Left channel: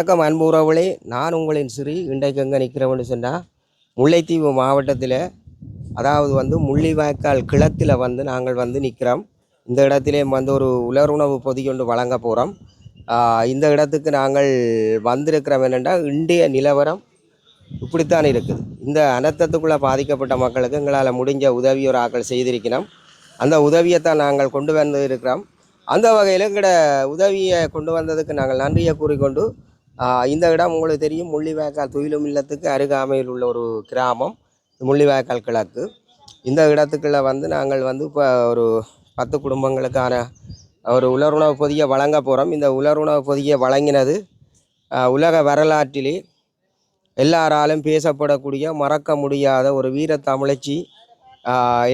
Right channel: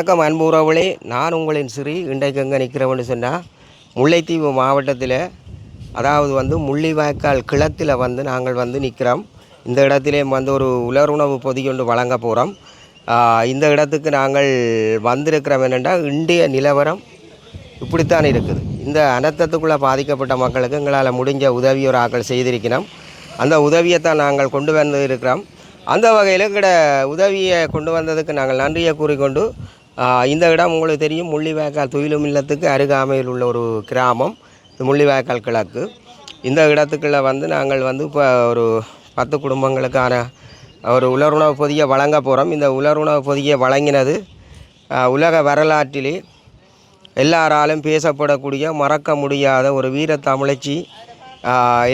வணக்கம் அன்புறவுகளே, நான் உங்களின் ஸ்ரீ. இன்றைக்கு எங்கே நிற்கிறோம்னு சொன்னால் முல்லைத்தீவு மாவட்டத்தில், அதாவது முள்ளிவாய்க்கால் கிழத்தில் நாங்கள் நிற்கிறோம். இந்த இடத்திலேயும் ஒரு உலருணவு பொதியொன்று வழங்க போகிறோம். இந்த இடத்துக்கு நாங்கள் வந்திருக்கிறோம் என்னென்னா, இந்திய நிலவரம் இப்படித்தான் இருக்குது. இந்த அனர்த்தத்துக்குள்ளே பாதிக்கப்பட்ட மக்களுக்கு எங்களால் முடிஞ்ச உதவியோர் ஆக்கள் செய்திருக்கிறோம். அந்த உதவியைத்தான் நாங்கள் கொண்டு வந்து இருக்கிறோம். அந்த வகையில் எங்கட உதவியை கொண்டு வந்ததுக்கு நாங்கள் நன்றியை கூறிக்கொண்டு, இந்த இடம் உங்களுக்கு தெரியும், முள்ளிவாய்க்கால் துயிலும் இல்லத்துக்கு அருகாமையில் உள்ள ஒரு கிராமம் முள்ளிவாய்க்கால் கிழக்கு. இந்த இடத்துக்குள்ளே நாங்கள் இப்போ ஒரு 10 குடும்பங்களுக்கான ஒரு உலருணவு பொதியை வழங்க போகிறோம். இந்த உலருணவு பொதியை வழங்கினது உலக வரலாற்றிலே எல்லாராலும் பேசப்படக்கூடிய, மறக்க முடியாத ஒரு வீர தமிழச்சி,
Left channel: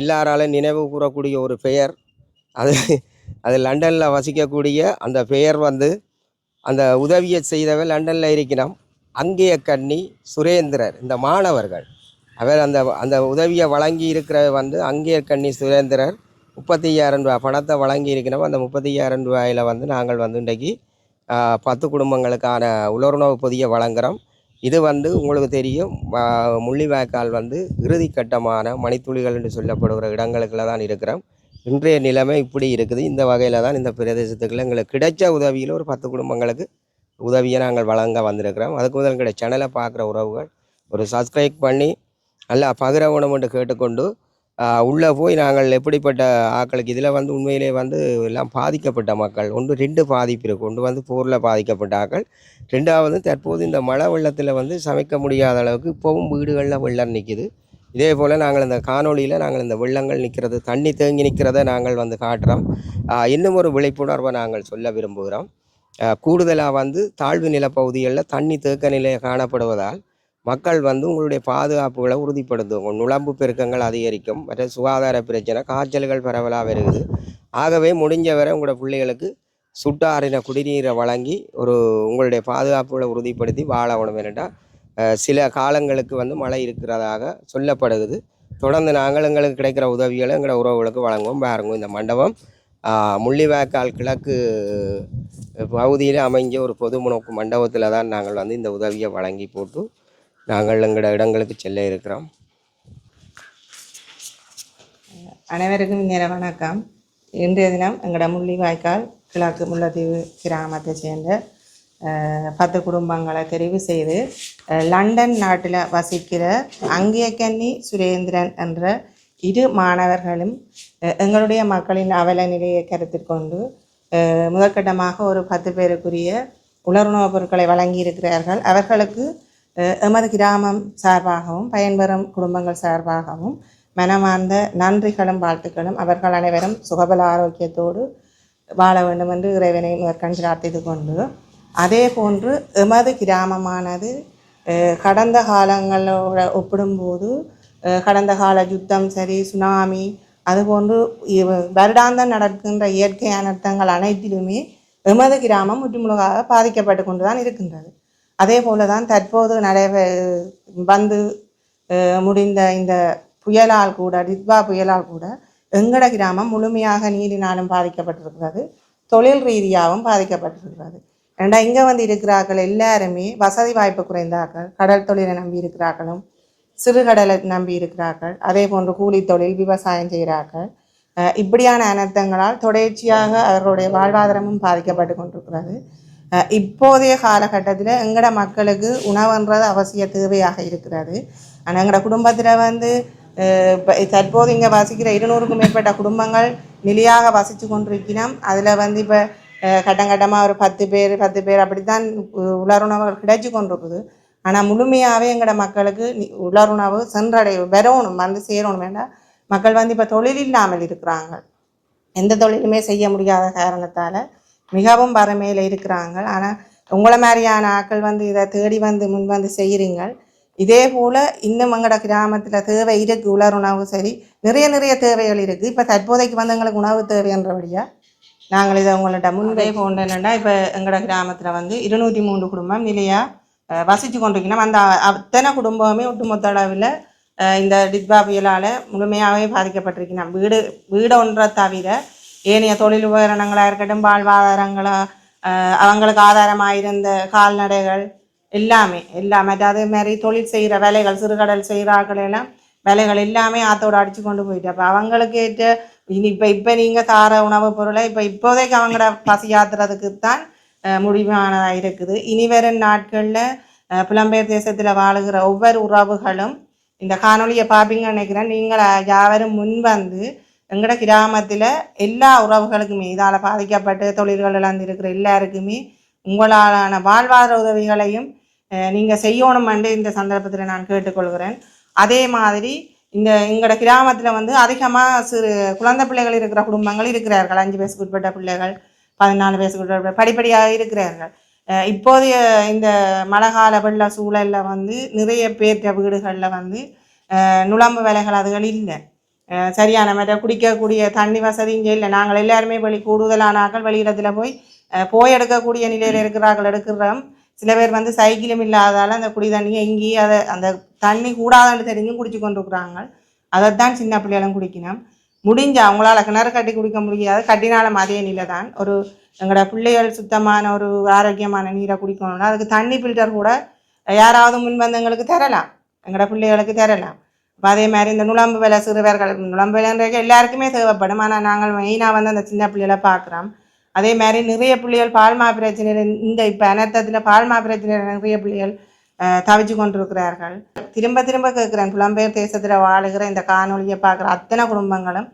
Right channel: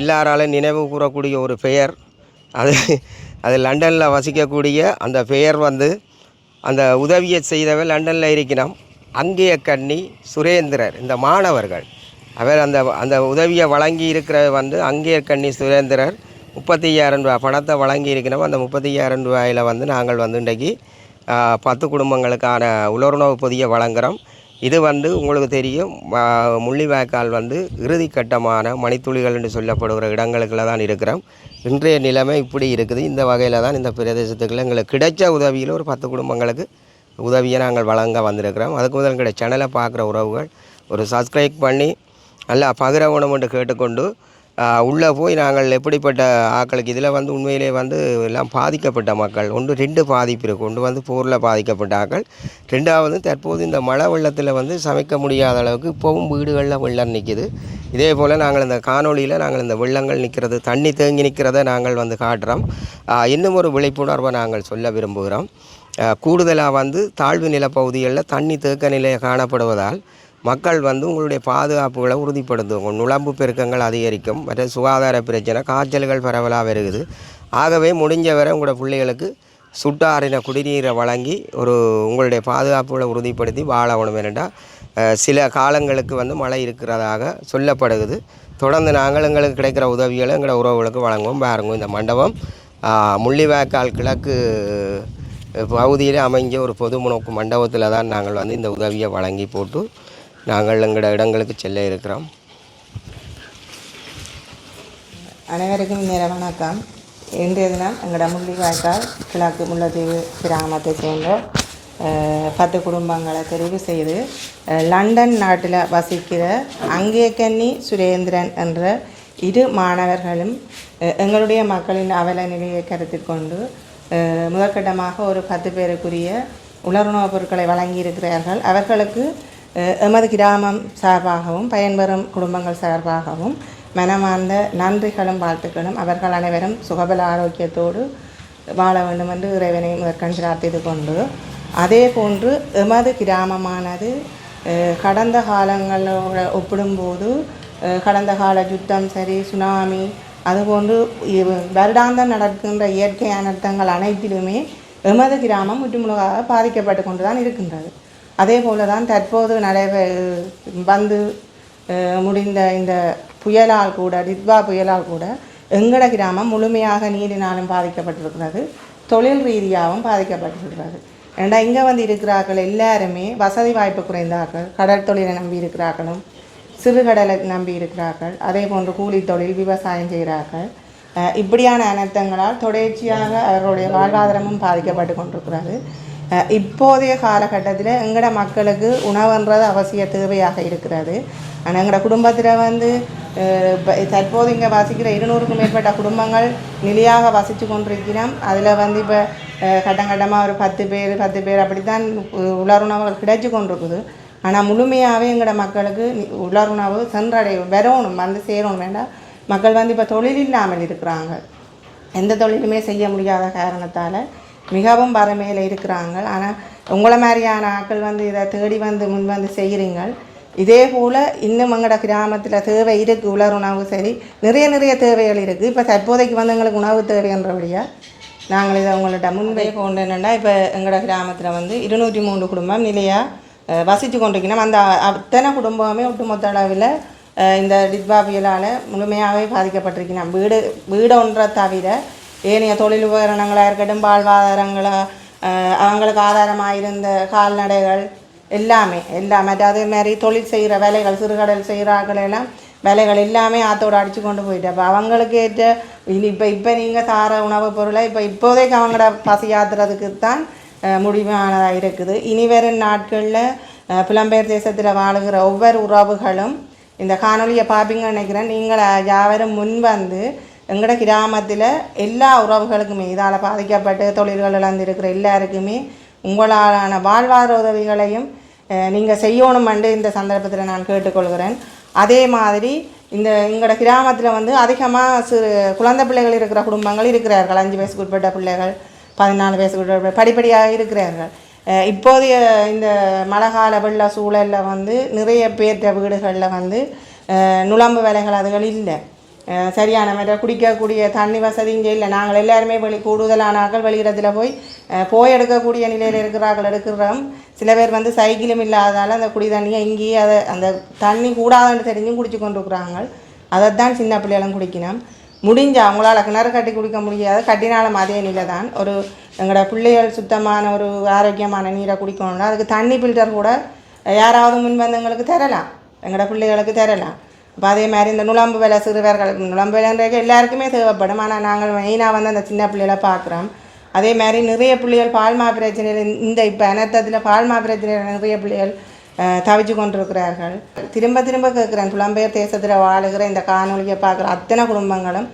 எல்லாராலும் நினைவு கூறக்கூடிய ஒரு பெயர். அது லண்டனில் வசிக்கக்கூடிய அந்த பெயர் அந்த உதவியை செய்தவர் லண்டனில் இருக்கிறோம். அங்கேய கண்ணி சுரேந்திரர். இந்த மாணவர்கள் அவர் அந்த உதவியை வழங்கி இருக்கிற அங்கேய கண்ணி சுரேந்திரர் 35,000 ரூபாய் பணத்தை வழங்கி இருக்கிறோம். அந்த 35,000 ரூபாயில் நாங்கள் இன்றைக்கு 10 குடும்பங்களுக்கான உலருணவு பொதியை வழங்குகிறோம். இது உங்களுக்கு தெரியும், முள்ளிவாய்க்கால் இறுதி கட்டமான மணித்துளிகள் என்று சொல்லப்படுகிற இடங்களுக்குள்ள தான் இருக்கிறோம். இன்றைய நிலைமை இப்படி இருக்குது. இந்த வகையில் தான் இந்த பிரதேசத்துக்குள்ள எங்களுக்கு கிடைச்ச உதவியில் ஒரு 10 குடும்பங்களுக்கு உதவியை நாங்கள் வழங்க வந்திருக்கிறோம். அதுக்கு முதல் எங்களுடைய சேனலை பார்க்குற உறவுகள் ஒரு சப்ஸ்கிரைப் பண்ணி நல்லா பகிரவணும் என்று கேட்டுக்கொண்டு, உள்ளே போய் நாங்கள் எப்படிப்பட்ட ஆக்களுக்கு இதில் உண்மையிலே எல்லாம் பாதிக்கப்பட்ட மக்கள் 1-2 பாதிப்பு இருக்குது. ஒன்று போரில் பாதிக்கப்பட்ட ஆக்கள், 2வது தற்போது இந்த மழை வெள்ளத்தில் சமைக்க முடியாத அளவுக்கு இப்போவும் வீடுகளில் வெள்ளம் நிற்கிது. இதே போல் நாங்கள் இந்த காணொலியில் நாங்கள் இந்த வெள்ளங்கள் நிற்கிறது, தண்ணி தேங்கி நிற்கிறத நாங்கள் காட்டுறோம். இன்னும் ஒரு விழிப்புணர்வை நாங்கள் சொல்ல விரும்புகிறோம். கூடுதலாக தாழ்வு நிலப்பகுதிகளில் தண்ணி தேக்க நிலையை காணப்படுவதால் மக்கள் உங்களுடைய பாதுகாப்புகளை உறுதிப்படுத்தும். நுழம்பு பெருக்கங்கள் அதிகரிக்கும், மற்ற சுகாதார பிரச்சனை, காய்ச்சல்கள் பரவலாக வருகிறது. ஆகவே முடிஞ்ச வரை உங்களோட பிள்ளைகளுக்கு சுட்டாரின குடிநீரை வழங்கி உங்களுடைய பாதுகாப்புகளை உறுதிப்படுத்தி வாழணும். ஏனென்றால் சில காலங்களுக்கு மழை இருக்கிறதாக சொல்லப்படுகிறது. தொடர்ந்து நாங்கள் எங்களுக்கு கிடைக்கிற உதவிகளை எங்களோட உறவுகளுக்கு வழங்குவோம். பாருங்க, இந்த மண்டபம் முள்ளிவாய்க்கால் கிழக்கு பகுதியில் அமைஞ்ச ஒரு பொது முனோக்கு மண்டபத்தில் தான் நாங்கள் இந்த உதவியை வழங்கி போட்டு நாங்கள் எங்களோட இடங்களுக்கு செல்ல இருக்கிறோம். அனைவருக்கும் இனிய வணக்கம். இன்றைய தினம் எங்களோட முள்ளிவாய்க்கால் கிழக்கு முல்லைத்தீவு கிராமத்தை சேர்ந்த 10 குடும்பங்களை தெரிவு செய்து லண்டன் நாட்டில் வசிக்கிற அங்கேயக்கண்ணி சுரேந்திரன் என்ற 2 மாணவர்களும் எங்களுடைய மக்களின் அவல நிலையை கருத்தில் கொண்டு முதற்கட்டமாக ஒரு 10 பேருக்குரிய உலருணவுப் பொருட்களை வழங்கியிருக்கிறார்கள். அவர்களுக்கு எமது கிராமம் சார்பாகவும் பயன்பெறும் குடும்பங்கள் சார்பாகவும் மனமார்ந்த நன்றிகளும் வாழ்த்துக்களும். அவர்கள் அனைவரும் சுகபல ஆரோக்கியத்தோடு வாழ வேண்டும் என்று இறைவனை முதற்கண் பிரார்த்தித்து கொண்டு, அதே போன்று எமது கிராமமானது கடந்த காலங்களோடு ஒப்பிடும்போது கடந்த கால யுத்தம் சரி, சுனாமி, அதுபோன்று வருடாந்தம் நடக்கின்ற இயற்கை அனர்த்தங்கள் அனைத்திலுமே எமது கிராமம் முற்றுமுழுதாக பாதிக்கப்பட்டு கொண்டு தான் இருக்கின்றது. அதே போல தான் தற்போது முடிந்த இந்த புயலால் கூட, டிட்வா புயலால் கூட எங்கட கிராமம் முழுமையாக நீரினாலும் பாதிக்கப்பட்டிருக்கிறது, தொழில் ரீதியாகவும் பாதிக்கப்பட்டிருக்கிறது. ஏன்னா இங்கே இருக்கிறார்கள் எல்லாருமே வசதி வாய்ப்பு குறைந்தார்கள், கடல் தொழிலை நம்பி இருக்கிறார்களும், சிறுகடலை நம்பி இருக்கிறார்கள், அதே போன்று கூலி தொழில், விவசாயம் செய்கிறார்கள். இப்படியான அனர்த்தங்களால் தொடர்ச்சியாக அவர்களுடைய வாழ்வாதாரமும் பாதிக்கப்பட்டு கொண்டிருக்கிறது. இப்போதைய காலகட்டத்தில் எங்களோட மக்களுக்கு உணவுன்றது அவசிய தேவையாக இருக்கிறது. ஆனால் எங்களோட குடும்பத்தில் தற்போது இங்கே வசிக்கிற 200க்கும் மேற்பட்ட குடும்பங்கள் நிலையாக வசித்து கொண்டிருக்கிறோம். அதில் இப்போ கட்டமாக ஒரு 10 பேர் அப்படித்தான் உலருணவுகள் கிடைச்சி கொண்டிருக்குது. ஆனால் முழுமையாகவே எங்களோட மக்களுக்கு உலருணவு வரணும், சேரணும். வேண்டாம், மக்கள் இப்போ தொழில் இல்லாமல் இருக்கிறாங்க. எந்த தொழிலுமே செய்ய முடியாத காரணத்தால் மிகவும் வறுமையில் இருக்கிறாங்க. ஆனால் உங்களை மாதிரியான ஆட்கள் இதை தேடி முன் செய்கிறீங்க. இதே போல் இன்னும் எங்களோட கிராமத்தில் தேவை இருக்குது. உலருணவு சரி, நிறைய தேவைகள் இருக்குது. இப்போ தற்போதைக்கு எங்களுக்கு உணவு தேவைன்றபடியாக நாங்கள் இதை உங்கள்கிட்ட முன்பே கொண்டு என்னென்னா, இப்போ எங்களோட கிராமத்தில் 203 குடும்பம் நிலையாக வசித்து கொண்டிருக்கணும். அந்த அத்தனை குடும்பமே ஒட்டுமொத்த அளவில் இந்த டிட்வா புயலால் முழுமையாகவே பாதிக்கப்பட்டிருக்கணும். வீடு ஒன்றை தவிர ஏனைய தொழில் உபகரணங்களாக இருக்கட்டும், வாழ்வாதாரங்களாக அவங்களுக்கு ஆதாரமாக இருந்த கால்நடைகள் எல்லாமே அதே மாதிரி தொழில் செய்கிற வேலைகள் சிறுகடல் செய்கிறார்கள் எல்லாம் வேலைகள் எல்லாமே ஆற்றோடு அடித்து கொண்டு போயிட்டு அப்போ அவங்களுக்கு ஏற்ற இப்போ நீங்கள் தார உணவுப் பொருளை இப்போதைக்கு அவங்களோட பசி ஆத்துறதுக்கு தான் முடிவானதாக இருக்குது. இனி வரும் நாட்களில் புலம்பெயர் தேசத்தில் வாழுகிற ஒவ்வொரு உறவுகளும் இந்த காணொலியை பார்ப்பீங்கன்னு நினைக்கிறேன். நீங்கள் யாவரும் முன் வந்து எங்களோட கிராமத்தில் எல்லா உறவுகளுக்குமே இதால் பாதிக்கப்பட்டு தொழில்கள் இழந்திருக்கிற எல்லாருக்குமே உங்களான வாழ்வாதார உதவிகளையும் நீங்கள் செய்யணுமென்று இந்த சந்தர்ப்பத்தில் நான் கேட்டுக்கொள்கிறேன். அதே மாதிரி எங்களோட கிராமத்தில் வந்து அதிகமாக குழந்தை பிள்ளைகள் இருக்கிற குடும்பங்கள் இருக்கிறார்கள். 5 வயசுக்கு உட்பட்ட பிள்ளைகள் 14 வயசுக்கு உட்பட்ட படிப்படியாக இருக்கிறார்கள். இப்போதைய இந்த மழைக்கால வெள்ள சூழலில் வந்து நிறைய பேர்த்த வீடுகளில் வந்து நுழம்பு வேலைகள் அதுகள் இல்லை, சரியான மாதிரி குடிக்கக்கூடிய தண்ணி வசதி இங்கே இல்லை. நாங்கள் எல்லாருமே கூடுதலான ஆக்கள் வெளியிடத்தில் போய் எடுக்கக்கூடிய நிலையில் எடுக்கிறோம். சில பேர் வந்து சைக்கிளும் இல்லாதால அந்த குடி தண்ணியை இங்கேயே அந்த தண்ணி கூடாதுன்னு தெரிஞ்சும் குடிச்சு கொண்டு இருக்கிறாங்க. அதைத்தான் சின்ன பிள்ளைகளும் குடிக்கணும். முடிஞ்சா அவங்களால கிணறு கட்டி குடிக்க முடியாது, கட்டினாலும் அதே நிலை தான். எங்களோட பிள்ளைகள் சுத்தமான ஒரு ஆரோக்கியமான நீரை குடிக்கணும்னா அதுக்கு தண்ணி ஃபில்டர் கூட யாராவது முன்வந்து எங்களுக்கு தரலாம், எங்களோட பிள்ளைகளுக்கு தரலாம். அப்போ அதே மாதிரி இந்த நுழம்பு வேலை சிறுவர்கள் நுழம்பு வேலைன்றது எல்லாருக்குமே தேவைப்படும். ஆனால் நாங்கள் மெயினாக வந்து அந்த சின்ன பிள்ளைகளை பார்க்குறோம். அதே மாதிரி நிறைய பிள்ளைகள் பால்மா பிரச்சனையில் இப்போ அனர்த்தத்தில் பால்மா பிரச்சனையில் நிறைய பிள்ளைகள் தவிச்சு கொண்டிருக்கிறார்கள். திரும்ப கேட்குறேன், புலம்பெயர் தேசத்தில் வாழுகிற இந்த காணொலியை பார்க்குற அத்தனை குடும்பங்களும்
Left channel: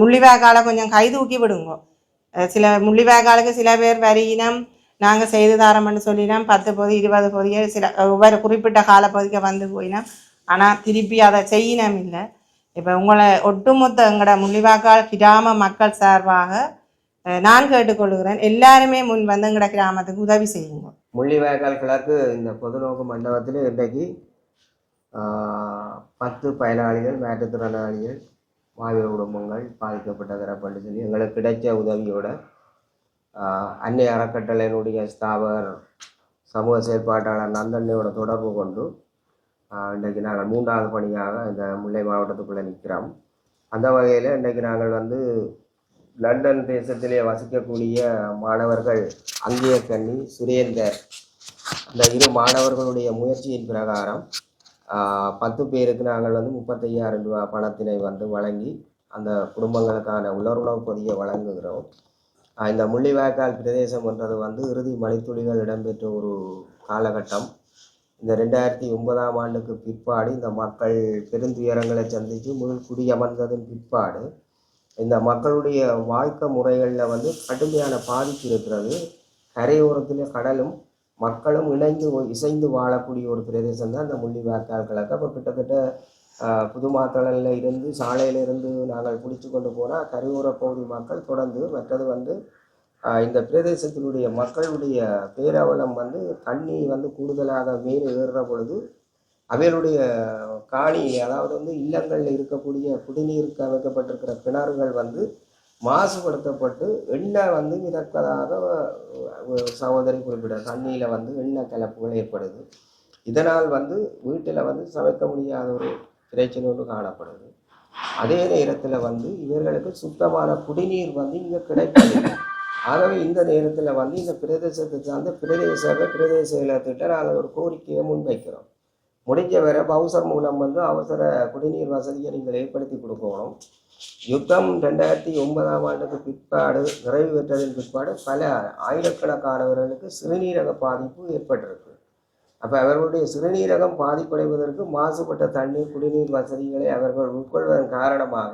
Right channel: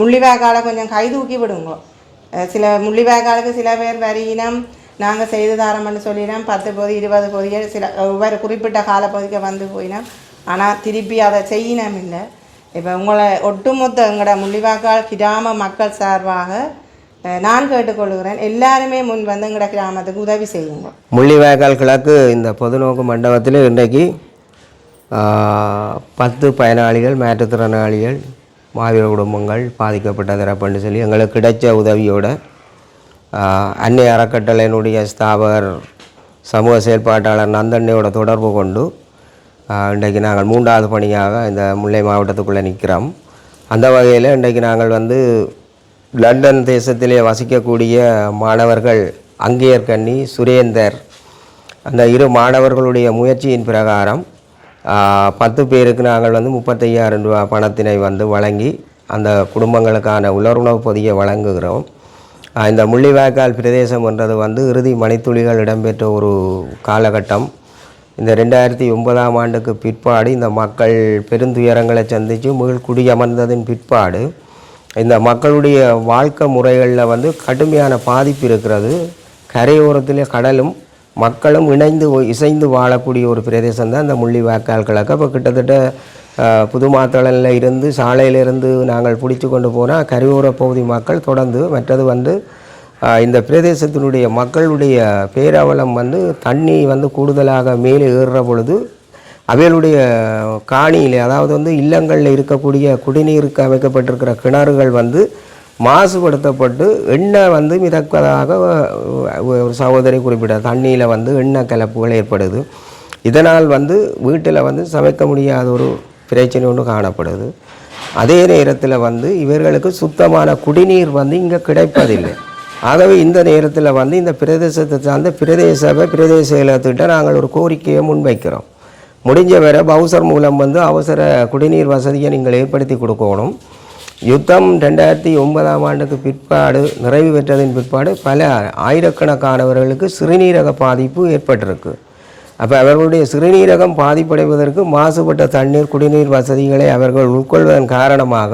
முள்ளிவாய்க்காலை கொஞ்சம் கை தூக்கி விடுங்க. சில முள்ளிவாய்க்காலுக்கு சில பேர் வரியினம் நாங்கள் செய்து தரோம்னு சொல்லினோம், 10 பொதி 20 பொதிகள் சில ஒவ்வொரு குறிப்பிட்ட காலப்பகுதிக்கு வந்து போயினோம். ஆனால் திருப்பி அதை செய்யணும் இல்லை. இப்போ உங்களை ஒட்டுமொத்த எங்களோட முள்ளிவாய்க்கால் கிராம மக்கள் சார்பாக நான் கேட்டுக்கொள்கிறேன், எல்லாருமே முன் வந்து எங்களோட கிராமத்துக்கு உதவி செய்யுங்க. முள்ளிவாய்க்கால் கிழக்கு இந்த பொதுநோக்கு மண்டபத்தில் இன்றைக்கு 10 பயனாளிகள் மாற்றுத்திறனாளிகள் மாவீர குடும்பங்கள் பாதிக்கப்பட்ட தரப்புன்னு சொல்லி எங்களுக்கு கிடைச்ச உதவியோட அன்னை அறக்கட்டளையினுடைய ஸ்தாபகர் சமூக செயல்பாட்டாளர் நந்தண்ணையோட தொடர்பு கொண்டு இன்றைக்கு நாங்கள் 3வது பணியாக இந்த முல்லை மாவட்டத்துக்குள்ளே நிற்கிறோம். அந்த வகையில் இன்றைக்கு நாங்கள் வந்து லண்டன் தேசத்திலே வசிக்கக்கூடிய மாணவர்கள் அங்கேயர் கண்ணி சுரேந்தர் அந்த 2 மாணவர்களுடைய முயற்சியின் பிரகாரம் 10 பேருக்கு நாங்கள் வந்து 35,000 ரூபா பணத்தினை வந்து வழங்கி அந்த குடும்பங்களுக்கான உலருணவு பொதியை வழங்குகிறோம். இந்த முள்ளிவாய்க்கால் பிரதேசம் என்றது வந்து இறுதி மணித்துளிகள் இடம்பெற்ற ஒரு காலகட்டம். இந்த 2009ஆம் ஆண்டுக்கு பிற்பாடு இந்த மக்கள் பெருந்துயரங்களை சந்தித்து மீள் குடியமர்ந்ததின் பிற்பாடு இந்த மக்களுடைய வாழ்க்கை முறைகளில் வந்து கடுமையான பாதிப்பு இருக்கிறது. கரையோரத்தில் கடலும் மக்களும் இசைந்து வாழக்கூடிய ஒரு பிரதேசம் தான் இந்த முள்ளிவாய்க்கால் கிழக்கு. இப்போ கிட்டத்தட்ட புதுமாத்தளனில் இருந்து சாலையிலிருந்து நாங்கள் பிடிச்சி கொண்டு போனால் கரையோர பகுதி மக்கள் தொடர்ந்து மற்றது வந்து இந்த பிரதேசத்தினுடைய மக்களுடைய பேரவலம் வந்து தண்ணி வந்து கூடுதலாக மேலே ஏறுற பொழுது அவைகளுடைய காணியில் அதாவது வந்து இல்லங்களில் இருக்கக்கூடிய குடிநீருக்கு அமைக்கப்பட்டிருக்கிற கிணறுகள் வந்து மாசுபடுத்தப்பட்டு எண்ணெய் வந்து மிதப்பதாக ஒரு சகோதரி குறிப்பிட்ட தண்ணியில் வந்து எண்ணெய் கலப்புகள் ஏற்படுது. இதனால் வந்து வீட்டில் வந்து சமைக்க முடியாத ஒரு பிரச்சனை ஒன்று காணப்படுது. அதே நேரத்தில் வந்து இவர்களுக்கு சுத்தமான குடிநீர் வந்து இங்கே கிடைப்பதில்லை. ஆகவே இந்த நேரத்தில் வந்து இந்த பிரதேசத்தை சார்ந்த பிரதேச செயலகத்திட்ட நாங்கள் ஒரு கோரிக்கையை முன்வைக்கிறோம். முடிஞ்ச வரை பவுசர் மூலம் வந்து அவசர குடிநீர் வசதியை நீங்கள் ஏற்படுத்தி கொடுக்கணும். யுத்தம் 2009ஆம் ஆண்டுக்கு பிற்பாடு நிறைவு பெற்றதின் பிற்பாடு பல ஆயிரக்கணக்கானவர்களுக்கு சிறுநீரக பாதிப்பு ஏற்பட்டிருக்கு. அப்போ அவர்களுடைய சிறுநீரகம் பாதிப்படைவதற்கு மாசுபட்ட தண்ணீர் குடிநீர் வசதிகளை அவர்கள் உட்கொள்வதன் காரணமாக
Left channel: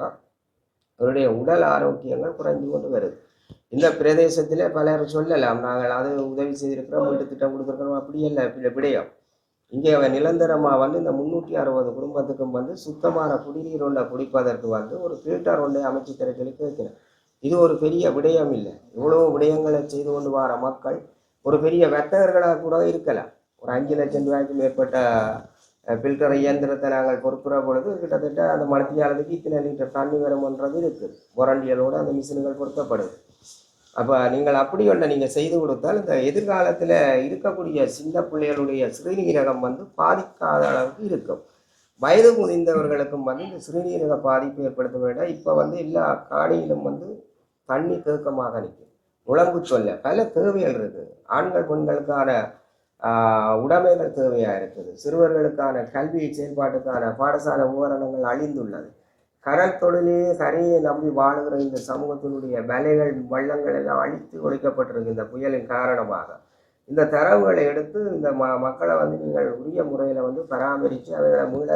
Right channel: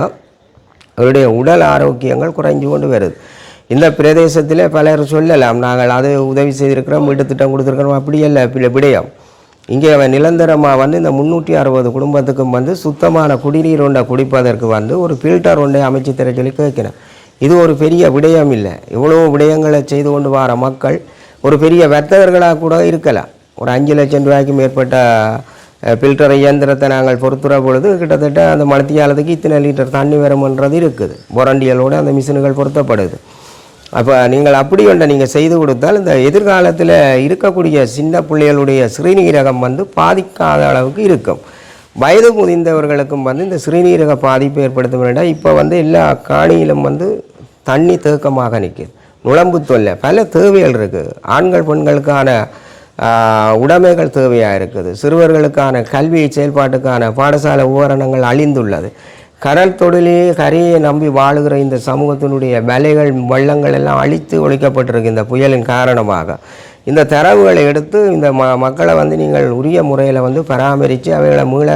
அவருடைய உடல் ஆரோக்கியங்கள் குறைஞ்சு கொண்டு வருது. இந்த பிரதேசத்தில் பலர் சொல்லலாம், நாங்கள் அது உதவி செய்திருக்கிறோம், வீட்டு திட்டம் கொடுத்துருக்கிறோம், அப்படியல்ல விடயம். இங்கே நிரந்தரமாக வந்து இந்த 360 குடும்பத்துக்கும் வந்து சுத்தமான குடிநீர் ஒன்றை குடிப்பதற்கு வந்து ஒரு ஃபில்டர் ஒன்றை அமைச்சு தர சொல்லி கேட்கணும். இது ஒரு பெரிய விடயம் இல்லை. இவ்வளோ விடயங்களை செய்து கொண்டு வர மக்கள் ஒரு பெரிய வர்த்தகர்களாக கூட இருக்கலாம். ஒரு 5 லட்சம் ரூபாய்க்கு மேற்பட்ட ஃபில்டர் இயந்திரத்தை நாங்கள் பொறுத்துற பொழுது கிட்டத்தட்ட அந்த மணித்தியாலத்துக்கு இத்தனை லிட்டர் தண்ணி வரும்ன்றது இருக்குது. பொரண்டியலோடு அந்த மிஷின்கள் பொருத்தப்படுது. அப்போ நீங்கள் அப்படி ஒன்றை நீங்கள் செய்து கொடுத்தால் இந்த எதிர்காலத்தில் இருக்கக்கூடிய சின்ன பிள்ளைகளுடைய சிறுநீரகம் வந்து பாதிக்காத அளவுக்கு இருக்கும். வயது முதிர்ந்தவர்களுக்கும் வந்து இந்த சிறுநீரக பாதிப்பு ஏற்படுத்த வேண்டாம். இப்போ வந்து எல்லா காணியிலும் வந்து தண்ணி தேக்கமாக நிற்குது. நுழம்பு தொல்லை, பல தேவைகள் இருக்குது. ஆண்கள் பெண்களுக்கான உடைமைகள் தேவையாக இருக்குது. சிறுவர்களுக்கான கல்வி செயல்பாட்டுக்கான பாடசாலை உபகரணங்கள் அழிந்துள்ளது. கடல் தொழிலே கரையை நம்பி வாழுகிற இந்த சமூகத்தினுடைய வேலைகள் வள்ளங்கள் எல்லாம் அழித்து ஒழிக்கப்பட்டிருக்கு இந்த புயலின் காரணமாக. இந்த தரவுகளை எடுத்து இந்த மக்களை வந்து நீங்கள் உரிய முறையில் வந்து பராமரித்து அவைகளை மீள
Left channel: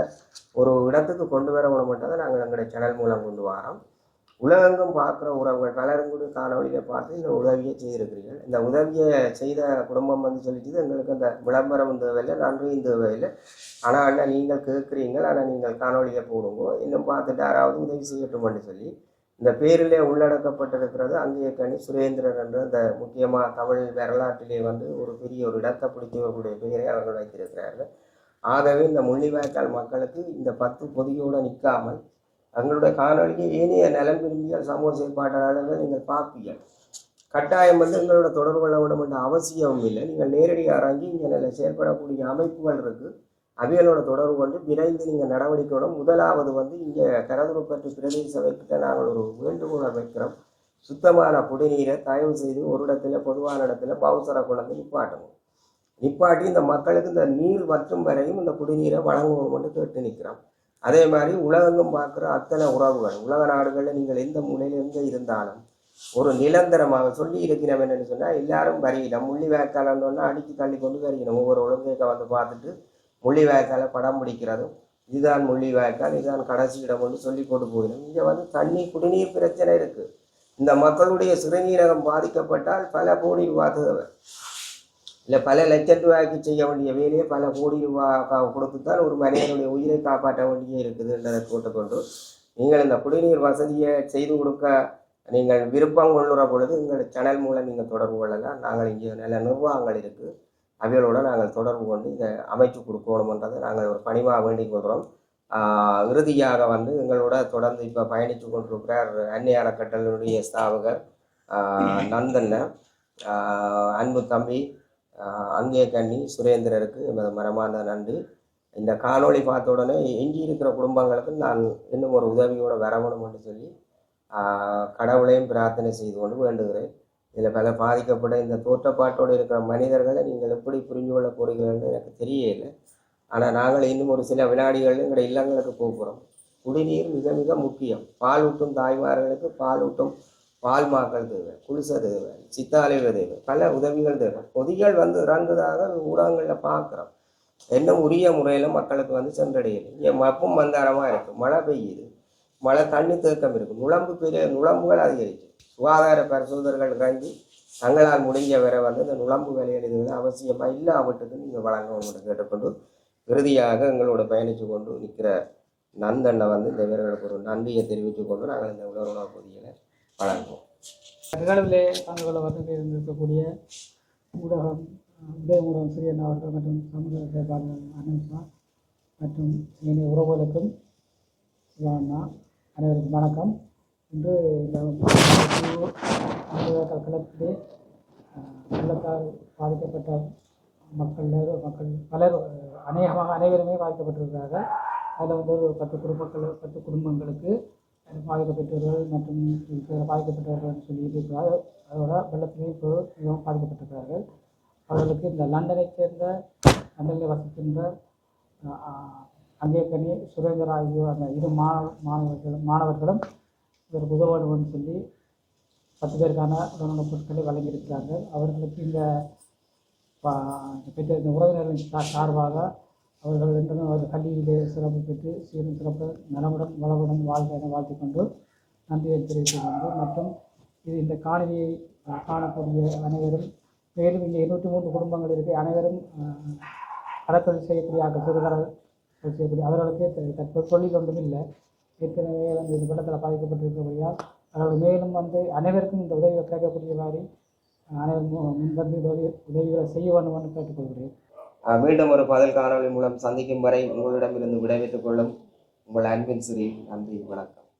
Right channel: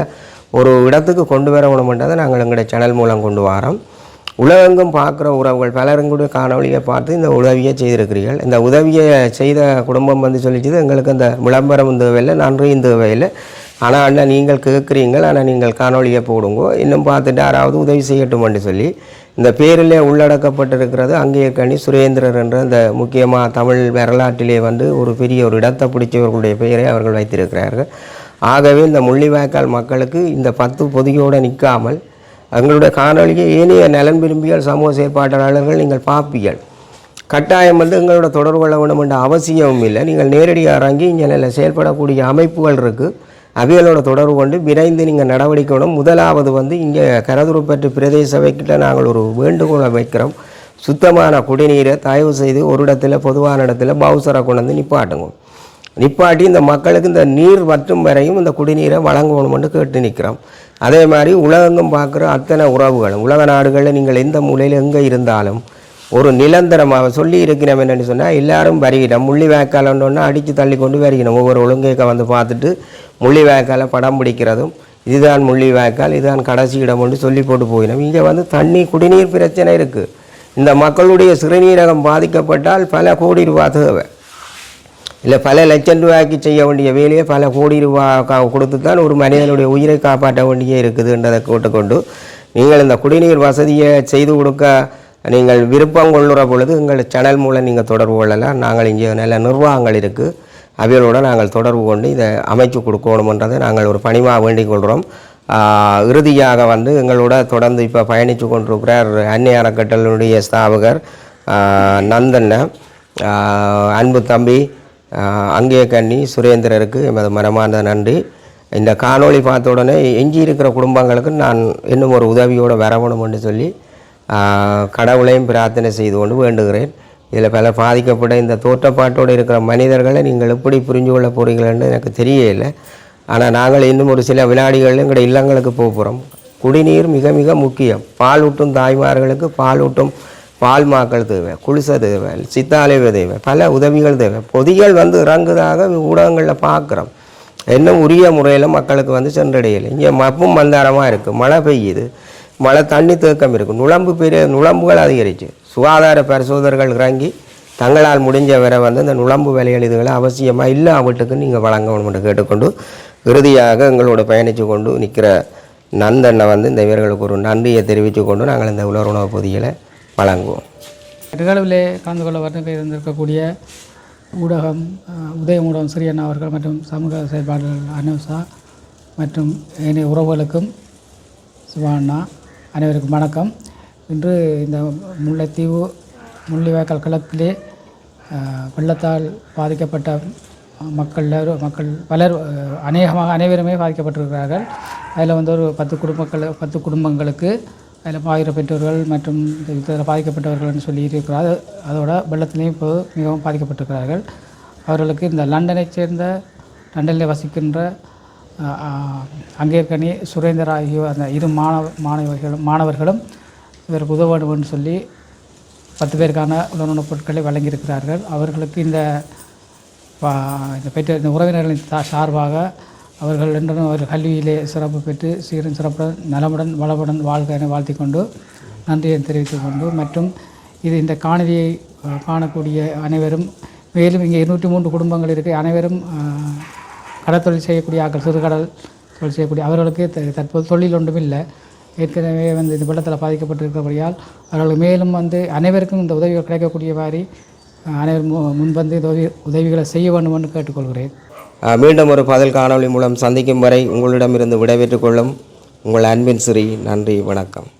ஒரு இடத்துக்கு கொண்டு வர வேணுமென்றதை நாங்கள் எங்களுடைய சேனல் மூலம் கொண்டு வரோம். உலகெங்கும் பார்க்குற உறவுகள் பலருங்களுடைய காணொலியை பார்த்து இந்த உதவியை செய்திருக்கிறீர்கள். இந்த உதவியை செய்த குடும்பம் வந்து சொல்லிச்சது எங்களுக்கு அந்த விளம்பரம் தேவையில்லை, நன்றியும் தேவையில்லை, ஆனால் அண்ணா நீங்கள் கேட்குறீங்கள், ஆனால் நீங்கள் காணொலியை போடுங்கோ, இன்னும் பார்த்துட்டு யாராவது உதவி செய்யட்டும்னு சொல்லி இந்த பேரிலே உள்ளடக்கப்பட்டிருக்கிறது அங்கேயக்கணி சுரேந்திரர் என்ற அந்த முக்கியமாக தமிழ் வரலாற்றிலே வந்து ஒரு பெரிய ஒரு இடத்தை பிடிச்சவர்களுடைய பெயரை அவர்கள் வைத்திருக்கிறார்கள். ஆகவே இந்த முள்ளிவாய்க்கால் மக்களுக்கு இந்த 10 பொதியோடு நிற்காமல் எங்களுடைய காணொலியை ஏனைய நலன் விரும்பிகள் சமூக செயற்பாட்டாளர்கள் நீங்கள் பார்ப்பீர்கள். கட்டாயம் வந்து எங்களோட தொடர்பு கொள்ள வேண்டும் என்ற அவசியமும் இல்லை. நீங்கள் நேரடியாக இறங்கி இங்கே நல்ல செயல்படக்கூடிய அமைப்புகள் இருக்குது, அவைகளோட தொடர்பு கொண்டு விரைந்து நீங்கள் நடவடிக்கை வேணும். முதலாவது வந்து இங்கே கரதுருப்பற்று பிரதேச சபைக்கிட்ட நாங்கள் ஒரு வேண்டுகோளை வைக்கிறோம். சுத்தமான குடிநீரை தயவு செய்து ஒரு இடத்துல பொதுவான இடத்துல பவுசரை கொண்டு வந்து நிப்பாட்டி இந்த மக்களுக்கு இந்த நீர் வற்றும் வரையும் இந்த குடிநீரை வழங்கணும்னு கேட்டு நிற்கிறோம். அதே மாதிரி உலகெங்கும் பார்க்குற அத்தனை உறவுகளும் உலக நாடுகளில் நீங்கள் எந்த மூலையில் எங்கே இருந்தாலும் ஒரு நிரந்தரமாக சொல்லி இருக்கிறோம் என்னென்னு சொன்னால் எல்லாரும் வருகிறோம். முள்ளிவாய்க்காலன்னு அடித்து தள்ளி கொண்டு வருகிறோம். ஒவ்வொரு ஒழுங்கேக்க வந்து பார்த்துட்டு முள்ளிவாய்க்காலை படம் பிடிக்கிறதும் இதுதான் முள்ளிவாய்க்கால் இதுதான் கடைசி இடம் ஒன்று சொல்லி போட்டு போயினோம். இங்கே வந்து தண்ணி குடிநீர் பிரச்சனை இருக்குது. இந்த மக்களுடைய சிறுநீரகம் பாதிக்கப்பட்டால் பல கோடி ரூபா தேவை, இல்லை பல லட்சம் ரூபாய்க்கு செய்ய வேண்டிய வேலையை பல கோடி ரூபா கொடுத்து தான் ஒரு மனிதனுடைய உயிரை காப்பாற்ற வேண்டியே இருக்குதுன்றதை கேட்டுக்கொண்டு நீங்கள் இந்த குடிநீர் வசதியை செய்து கொடுக்க நீங்கள் விருப்பம் கொள்ளுற பொழுது எங்கள் சேனல் மூலம் நீங்கள் தொடர்பு கொள்ளலாம். நாங்கள் இங்கே நல்ல நிர்வாகங்கள் இருக்குது, அவைகளோடு நாங்கள் தொடர்பு கொண்டு இதை அமைச்சு கொடுக்கணுமன்றதை நாங்கள் ஒரு பணிவாக வேண்டிக் கொள்கிறோம். இறுதியாக வந்து எங்களோட தொடர்ந்து இப்போ பயணித்து கொண்டிருக்கிறார் அன்னை அறக்கட்டளையுடைய ஸ்தாபகர் நந்தண்ண, அன்பு தம்பி அங்கேயக்கண்ணி சுரேந்திரருக்கு எமது மனமார்ந்த நன்றி. இந்த காணொளி பார்த்த உடனே எஞ்சி இருக்கிற குடும்பங்களுக்கு நான் இன்னும் ஒரு உதவியோடு வரணும்னு சொல்லி கடவுளையும் பிரார்த்தனை செய்து கொண்டு வேண்டுகிறேன். இதில் பல பாதிக்கப்பட்ட இந்த தோற்றப்பாட்டோடு இருக்கிற மனிதர்களை நீங்கள் எப்படி புரிஞ்சு கொள்ள போகிறீங்களன்னு எனக்கு தெரியலை. ஆனால் நாங்கள் இன்னும் ஒரு சில வினாடிகளில் எங்களுடைய இல்லங்களுக்கு போகிறோம். குடிநீர் மிக மிக முக்கியம். பால் ஊட்டும் தாய்மார்களுக்கு பால் ஊட்டும் பால் மாக்கள் தேவை, குளிசை தேவை, சித்தாலைவு தேவை, பல உதவிகள் தேவை. பொதிகள் வந்து இறங்குதாக ஊடகங்களில் பார்க்குறோம், இன்னும் உரிய முறையில் மக்களுக்கு வந்து சென்றடையலை. இங்கே மப்பும் மந்தாரமாக இருக்குது, மழை பெய்யுது, மழை தண்ணி தேக்கம் இருக்குது, நுழம்புகள் அதிகரிச்சு. சுகாதார பரிசோதகர்கள் இறங்கி தங்களால் முடிஞ்ச வரை வந்து இந்த நுழம்பு வேலைகள் இதுகளை அவசியமாக இல்லை வீட்டுக்கு நீங்கள் வழங்கணும் என்று கேட்டுக்கொண்டு இறுதியாக எங்களோட பயணித்து கொண்டு நிற்கிற நந்தண்ணை வந்து இந்த இவர்களுக்கு ஒரு நன்றியை தெரிவித்து கொண்டு நாங்கள் இந்த உலர் உணவு பொதிகளை வழங்குவோம். நிகழ்வில் கலந்து கொள்ள வருகை இருந்திருக்கக்கூடிய ஊடகம் உதய ஊடகம் சிறியண்ணா அவர்கள் மற்றும் சமூக செயற்பாளர்கள் அனுசா மற்றும் ஏனைய உறவுகளுக்கும் சிவாண்ணா அனைவருக்கும் வணக்கம். இன்று இந்த தீவு முள்ளிவாய்க்கால் கிழக்கிலே வெள்ளத்தால் பாதிக்கப்பட்ட மக்கள் பலர் அனைவருமே பாதிக்கப்பட்டிருக்கிறார்கள். அதில் வந்து ஒரு 10 குடும்பங்களுக்கு அதில் பாதிக்க பெற்றவர்கள் மற்றும் இதில் பாதிக்கப்பட்டவர்கள்னு சொல்லி இருக்கிறார். அதோட வெள்ளத்திலையும் இப்போ மிகவும் பாதிக்கப்பட்டிருக்கிறார்கள். அவர்களுக்கு இந்த லண்டனைச் சேர்ந்த லண்டனில் வசிக்கின்ற அங்கேயக்கணி சுரேந்தர் ஆகிய அந்த 2 மாணவர்களும் இவருக்கு உதவ வேண்டும் என்று சொல்லி 10 பேருக்கான உணவுப் பொருட்களை வழங்கியிருக்கிறார்கள். அவர்களுக்கு இந்த பெற்ற இந்த உறவினர்களின் சார்பாக அவர்கள் என்றும் அவர் கல்வியிலே சிறப்பு பெற்று சீரும் சிறப்புடன் நலமுடன் வளமுடன் வாழ்க என வாழ்த்தி கொண்டு நன்றியை தெரிவித்துக் கொண்டு மற்றும் இந்த காணொலியை காணக்கூடிய அனைவரும் மேலும் இங்கே 203 குடும்பங்கள் இருக்குது. அனைவரும் கடற்தொழில் செய்யக்கூடிய ஆக்கள் சிறுகடல் தொழில் செய்யக்கூடிய அவர்களுக்கு தற்போது தொழில் ஒன்றும் இல்லை. ஏற்கனவே வந்து இந்த வெள்ளத்தில் பாதிக்கப்பட்டிருக்கிறபடியால் அவர்கள் மேலும் வந்து அனைவருக்கும் இந்த உதவிகள் கிடைக்கக்கூடிய மாதிரி அனைவரும் முன்வந்து உதவிகளை செய்ய வேண்டும் என்று கேட்டுக்கொள்கிறேன். மீண்டும் ஒரு பதில் காணொளி மூலம் சந்திக்கும் வரை உங்களிடமிருந்து விடைபெற்றுக் கொள்ளும் உங்கள் அன்பின் சிறி. நன்றி, வணக்கம்.